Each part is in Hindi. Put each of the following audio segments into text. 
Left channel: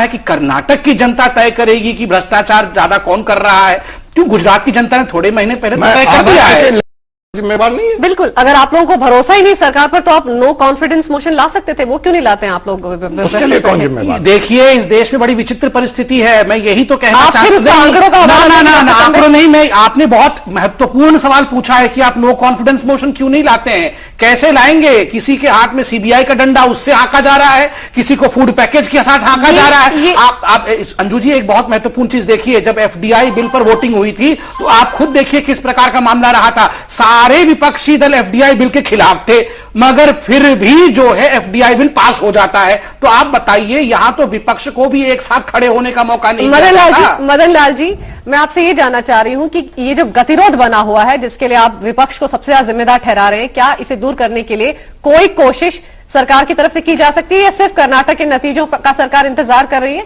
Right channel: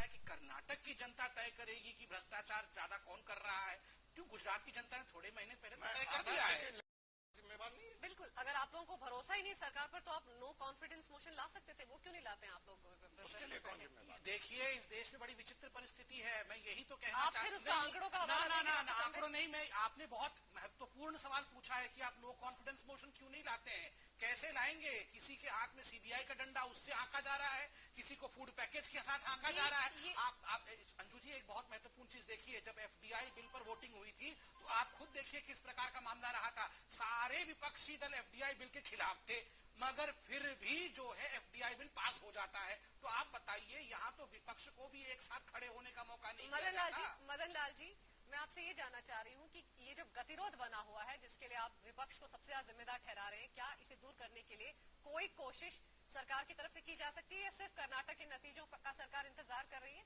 है कि कर्नाटक की जनता तय करेगी कि भ्रष्टाचार ज्यादा कौन कर रहा है, क्यों गुजरात की जनता ने थोड़े महीने पहले तय कर दिया है। जिम्मेवार नहीं है। बिल्कुल, अगर आप लोगों को भरोसा ही नहीं सरकार पर तो आप नो कॉन्फिडेंस मोशन ला सकते थे, वो क्यों नहीं लाते हैं आप लोग? उसके लिए कौन जिम्मेवार? देखिए, इस देश में बड़ी विचित्र परिस्थिति है, मैं यही तो कहना चाहता हूं। आंकड़ों नहीं, मैं आपने बहुत महत्वपूर्ण सवाल पूछा है कि आप नो कॉन्फिडेंस मोशन क्यों नहीं लाते हैं। कैसे लाएंगे? किसी के हाथ में सीबीआई का डंडा, उससे हांका जा रहा है, किसी को फूड पैकेज के साथ हांका जा रहा है। आप अंजू जी एक बहुत महत्वपूर्ण चीज देखिए, जब एफडीआई बिल पर वोटिंग हुई थी तो आप खुद देखिए किस प्रकार का मामला रहा था। सारे विपक्षी दल एफडीआई बिल के खिलाफ थे, मगर फिर भी जो है एफडीआई बिल पास हो जाता है। तो आप बताइए, यहां तो विपक्ष को भी एक साथ खड़े होने का मौका नहीं मिला। मदन लाल जी, मैं आपसे ये जानना चाह रही हूं कि ये जो गतिरोध बना हुआ है, जिसके लिए आप विपक्ष को सबसे ज्यादा जिम्मेदार ठहरा रहे हैं, क्या इसे दूर करने के लिए कोई कोशिश सरकार की तरफ से की जा सकती है या सिर्फ कर्नाटक के नतीजों का सरकार इंतजार कर रही है?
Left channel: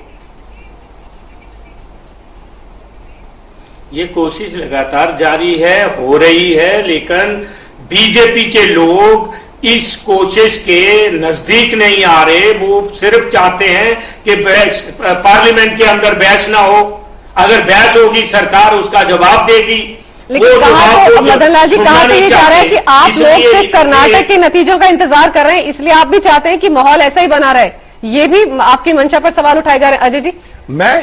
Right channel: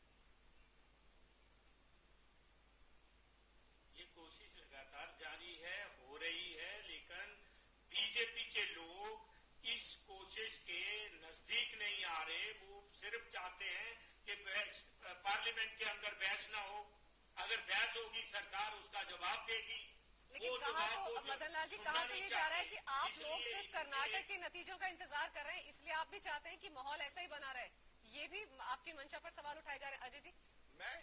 ये कोशिश लगातार जारी है, हो रही है, लेकिन बीजेपी के लोग इस कोशिश के नजदीक नहीं आ रहे। वो सिर्फ चाहते हैं कि पार्लियामेंट के अंदर बहस ना हो, अगर बहस होगी सरकार उसका जवाब देगी। लेकिन मदन लाल जी, कहा तो ये जा रहा है कि आप लोग सिर्फ कर्नाटक के नतीजों का इंतजार कर रहे हैं, इसलिए आप भी चाहते हैं कि माहौल ऐसा ही बना रहे। ये भी आपकी मंशा पर सवाल उठाए जा रहे हैं। अजय जी,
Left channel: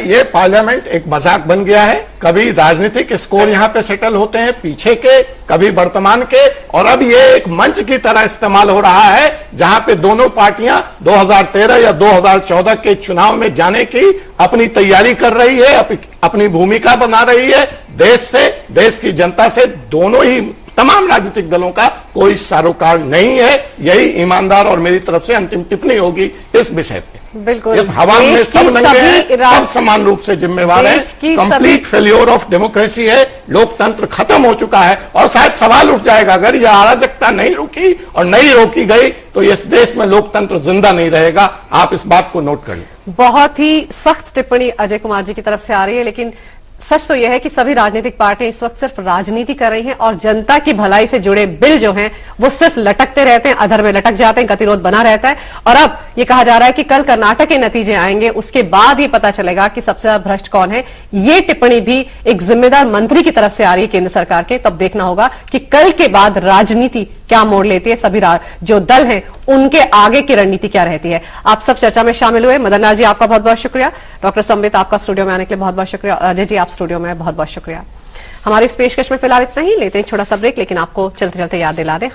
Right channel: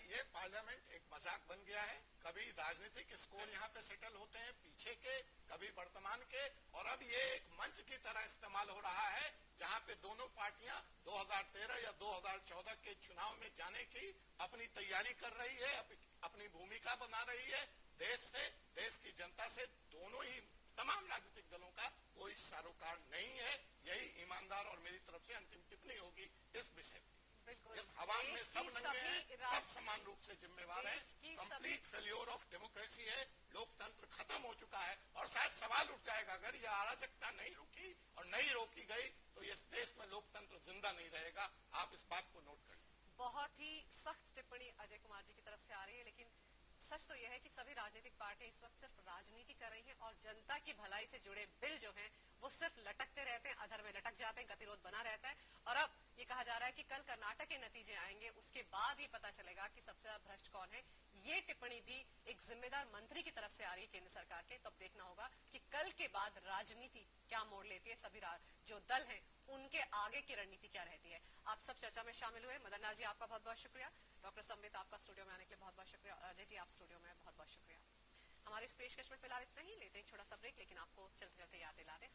ये पार्लियामेंट एक मजाक बन गया है। कभी राजनीतिक स्कोर यहाँ पे सेटल होते हैं पीछे के, कभी वर्तमान के, और अब ये एक मंच की तरह इस्तेमाल हो रहा है जहां पे दोनों पार्टियां 2013 या 2014 के चुनाव में जाने की अपनी तैयारी कर रही है, अपनी भूमिका बना रही है। देश से, देश की जनता से, दोनों ही तमाम राजनीतिक दलों का कोई सरोकार नहीं है। यही ईमानदार और मेरी तरफ से अंतिम टिप्पणी होगी इस विषय पे। बिल्कुल, इस हवा में सब नंगे हैं, सब समान रूप से जिम्मेवार है। कंप्लीट फेल्योर ऑफ डेमोक्रेसी है, लोकतंत्र खत्म हो चुका है। और शायद सवाल उठ जाएगा, अगर यह अराजकता नहीं रुकी और नहीं रोकी गई तो इस देश में लोकतंत्र जिंदा नहीं रहेगा। आप इस बात को नोट कर लें। बहुत ही सख्त टिप्पणी अजय कुमार जी की तरफ से आ रही है, लेकिन सच तो यह है कि सभी राजनीतिक पार्टियां इस वक्त सिर्फ राजनीति कर रही हैं और जनता की भलाई से जुड़े बिल जो हैं वो सिर्फ लटकते रहते हैं, अधर में लटक जाते हैं, गतिरोध बना रहता है। और अब ये कहा जा रहा है कि कल कर्नाटक के नतीजे आएंगे, उसके बाद ये पता चलेगा कि सबसे ज्यादा भ्रष्ट कौन है। ये टिप्पणी भी एक जिम्मेदार मंत्री की तरफ से आ रही है केंद्र सरकार के। तब देखना होगा कि कल के बाद राजनीति क्या मोड़ लेती है, सभी जो दल हैं उनके आगे की रणनीति क्या रहती है। आप सब चर्चा में शामिल हुए। मदन लाल जी, आपका बहुत बहुत शुक्रिया। डॉक्टर संबित, आपका स्टूडियो में आने के लिए बहुत बहुत शुक्रिया। अजय जी, आप स्टूडियो में बहुत बहुत शुक्रिया। हमारी इस पेशकश में फिलहाल इतना ही, लेते हैं छोटा सा ब्रेक, लेकिन आपको चलते चलते याद दिला दें